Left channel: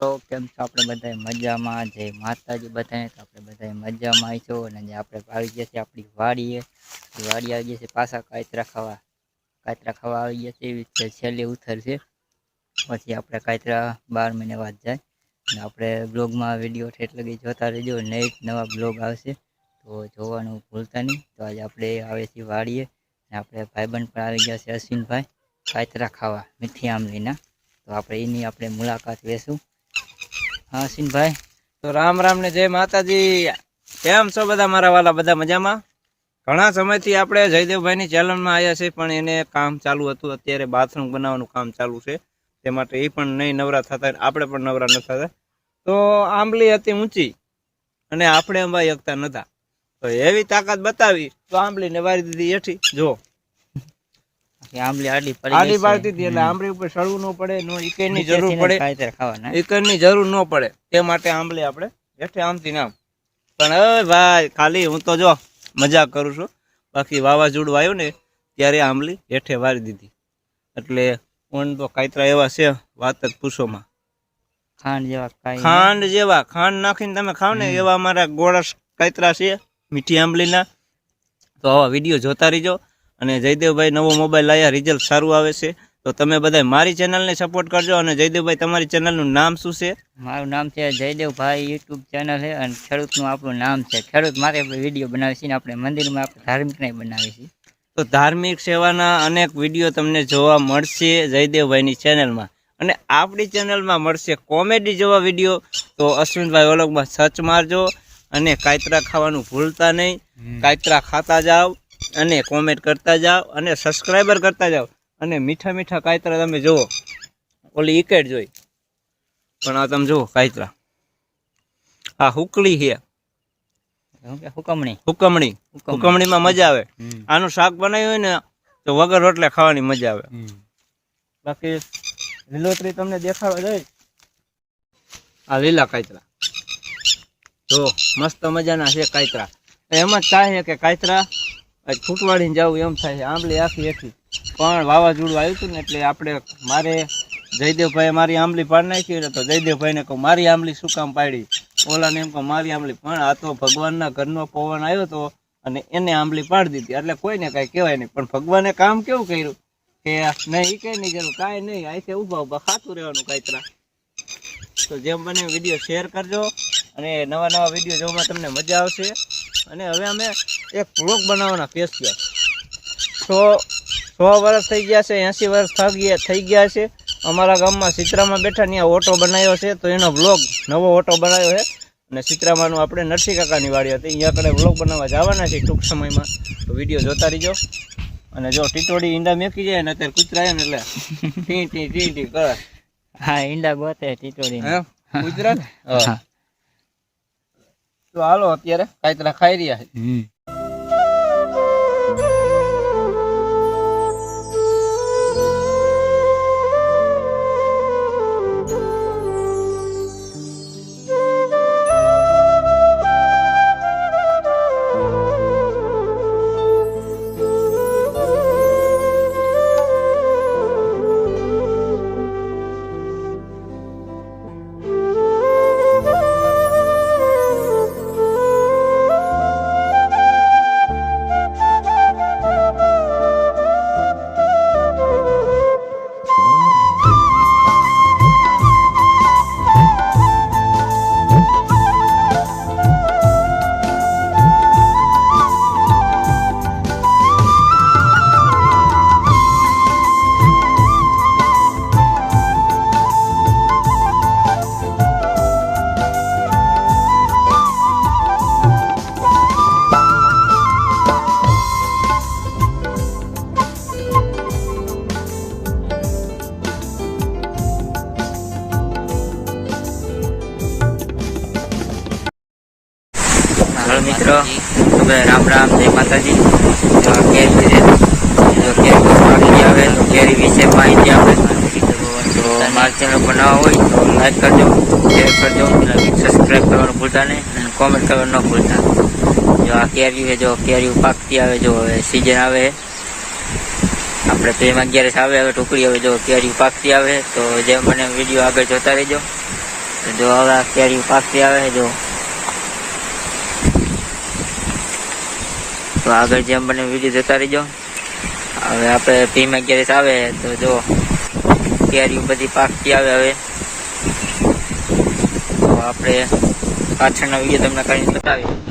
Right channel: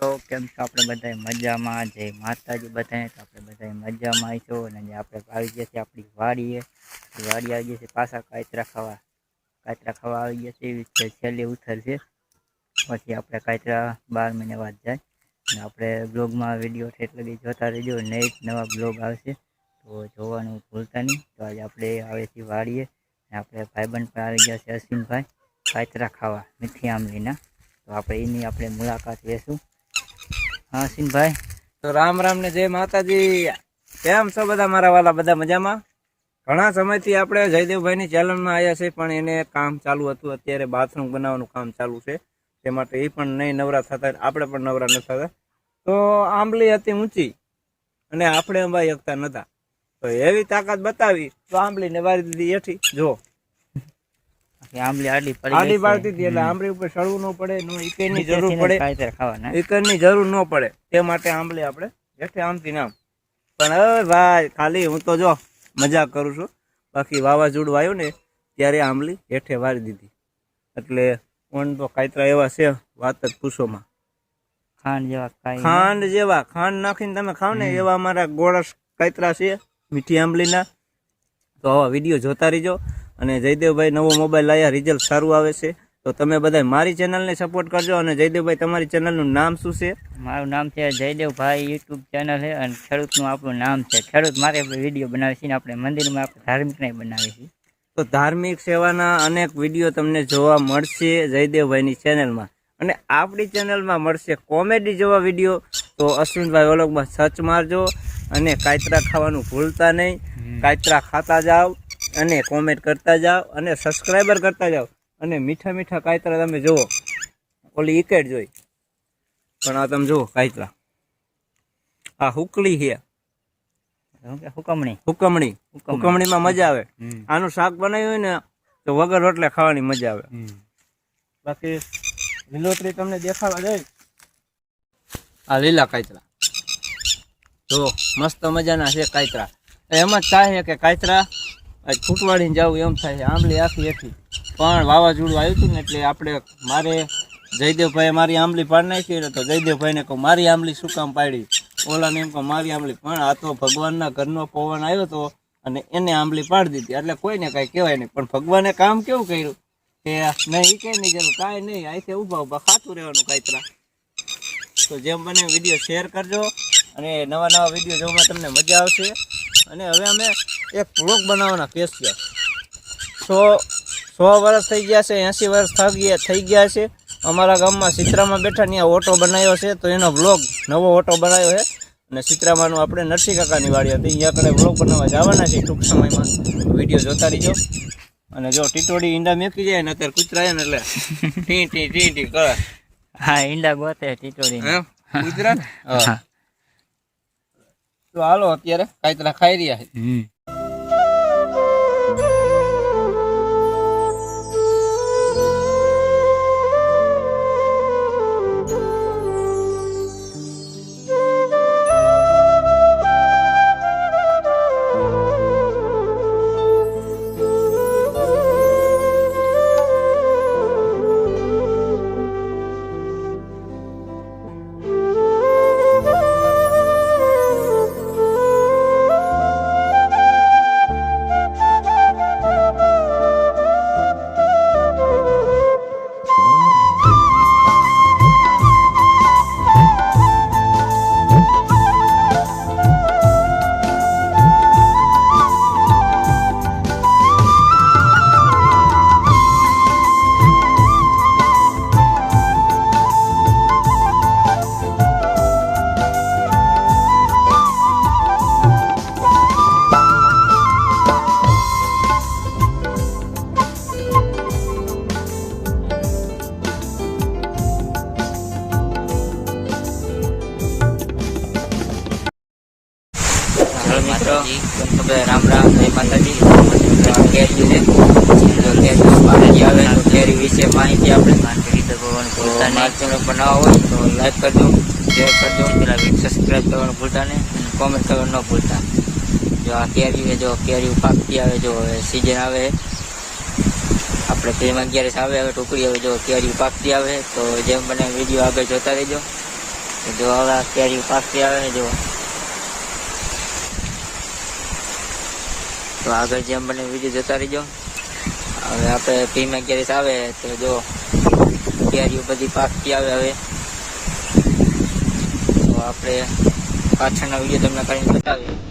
તો કેમ છો આપણે બધા મજામાં? જય માતાજી બધાને. તો આપણે બધા મજામાં આવીશું અને જે આપણે આવી ગયા છે આપણી વાડીએ વાડી આવી ગયા છે પાછા કાતરા ખાવા આવી ગયા છે એવી રીતે છેલ્લી ઉથર છે. પછી આપણે કાતરા 12 મહિને વાત જાય અને આપણે બ્લોગમાં વિડીયો ઠેઠ લગી જોતા રહેજો. નવા બ્લોગ આવશે તો જોવાનું ભૂલતા નહીં. તો આજે આપણે આવે છે વાડીએ અને આપણે ભાઈબંધ પણ આવી ગયા છે અશ્વિનભાઈ કાતરા ખાવા મીઠી આંબલીના. તો આપણે એની આપણે મુલાકાત લેશું. હા અશ્વિનભાઈ, તો રામ રામ ને જય માતાજી. કેમ છો બધા મારા વાલા? બધા મજામાં? ઘણા સમયથી આપણે જયદેવભાઈની ચેનલમાં આવ્યા છે, પણ એને કામ ચાલુ હતું. અત્યારે બાથરૂમ બનાવવાનું કામ ચાલુ છે, તે માટે એ પણ નહીં નવરા થતા, આપણે પણ નવરા ન થતા. તો આંબલી હતી ઊંચી અને આપણે અંબાઈ શકતા નતા, તો એવી તાકાત બતાવી તો આંબલીને વારી દીધી હેઠી. જો આંબલી આડી પાડતી હતી એટલે આંબલી ઉપર સળવું ન પડે, ઈકરની જરૂર પડે, ઈકરની જરૂર ન પડે, તે માટે આંબલી આપણે હેઠે આમથી નામ. પણ હવે ભાઈ ખાલી હું તો જો મજાક કરું છું, બાકી વાવાઝોડું આવ્યું ને ત્યારે આંબલી હેઠે વારી દીધી. એટલે ઓન તો કાતરા એવા છે વાત જ પૂછોમાં. ખાંડ જેવા ખાંડ નાખીને તમે ખાવ ને એવા અમારા ગોળા કાતરા છે મીઠી આંબલીના. તો આવા વિડીયો જોતા રહીજો. અને જયદેવભાઈ નવો મોબાઈલ લાવ્યા, રિઝલ્ટ સારું આવે છે. તો તમે બધા મારી ચેનલને સપોર્ટ કરજો. અને જયદેવભાઈ, તમારી ચેનલનું નામ શું છે? મારું નામ છે જયદેવભાઈ, યુટ્યુબ ચેનલ છે અને ખેડૂતનું આપણું નામ છે. ખેડૂત મારે વિડીયો બનાવે છે ને આપણે મંદિરમાં આપણે ધાર્મિક નહીં બનાવીએ છીએ. તો ધાર્મિક સેવાના અનેક વિડીયો તમને જોવા મળશે જયદેવભાઈની ચેનલમાં. અને આપણી ચેનલમાં મળશે કોમેડી જેવા વિડીયો. તો અશ્વિનભાઈ વ્લોગમાં સર્ચ મારજો અને કાતરા ખાવાનું ભૂલતા નહીં. કાતરા ખાતા જાઓ અને કોમેન્ટ કરતા જાઓ અને સબસ્ક્રાઈબર કરતા જાઓ. અને મીઠા મીઠા કાતરા તમે જુઓ. ઓલી ઇકેટ જોઈ, પણ આ તમે જુઓ કાતરા. આ હુકલી છે, હુકમણીમાં મજા આવે. આનું શાક બનાવ્યું હોય ને તો વગર રોટલે ખાવાની મજા આવે. બાકી લીલોતરી તમને દેખાવા જાય. આ લીલા કાતરા જો મસ્ત મજાના છે કાતરા. એમ જ થાય કે કાતરા ફૂટવાડીને જવું એમ થાય છે. આંબલી આખી હેઠી, પણ વાવાઝોડું આવ્યું હતું ને એટલે મારે જયદેવભાઈએ મારી આંબલી પાડી નાખી ને. તો જયદેવભાઈને કહું મારી આંબલી શું કામ પાડી? ઓલાને એમ કહું મારી આંબલી. પણ આ તો ભગવાનના ઘરનો પવન આવ્યો હતો અને એને આંબલી પાડી દીધી. એટલે કોઈને કાંઈ કહેવાય નહીં. પણ ભગવાને કામ કેવું કર્યું કે નહીં એ કંઈ નહીં જરૂર, કાંઈ નહીં, અહીંથી ઊભા ખાતું રહેવાનું કાતરા. તો જેમ બને વિડીયો શેર કરજો અને નવા વિડીયો જોવામાં તમને મજા આવશે. અને હવે અમે એક વ્લોગ બનાવવાના સ્પેશિયલ 100 વર્ષ થઈ ગયા છે, 80 વર્ષ થઈ ગયા છે. અમારા ગામમાં સિત્રામાં બેઠા ત્યાં ઓટો બનાવ્યો છે, તો એનો વ્લોગ નવો ઓટો બનાવ્યો છે. અને સિત્રામાનું આપણે નરસિંહ કાકાની વાડી હતી, અહીંયા આપણે વ્લોગ બનાવવા જવાના છે ટૂંક સમયમાં. વિડીયો જોતા રહીજો. અને જો ટીટોડી ઈંડા મેકી જાય ને અત્યારે કૂતરા ને એટલે ટી ટી ટી ટી કરે. હા, ઈંડા ગોતે ટીટોડી કૂતરા. તો હાલો અત્યારે કાતરા ખાઈ રહ્યા છે. મિત્રો તો રામ રામ, જય માતાજી. કેરી છે, કેરી પાકી આવે તો કેરી વિશે માહિતી આપણે. તો મારી ચેનલ પર નવા હોય તો લાઈક કરજો, શેર કરજો, સબસ્ક્રાઈબ કરવાનું ભૂલતા નહીં અને કોમેન્ટ કરવાનું ન ભૂલતા. જો આ કેરી જો કેરી પાકતી આવે, જો હવે સિઝન આવે આપણે પ્રેમ 11 આવે, હવે ટુકડી હવે જો કેરી પાકતી આવે. તો જેમ મને વિડીયો આગળ જોતા રહેજો તો જો હવે આ કેરી પાકતી આવે છે જો. તો આગળ જેમ બને વિડીયો જોતા રહીજો. હવે આપણે ભીમા કેરીસ આવે તો જો કેરીઓ બધી પાકતી આવે હવે. તો આપણે પાછળનો વિડીયો તમને કરીને બતાવીએ.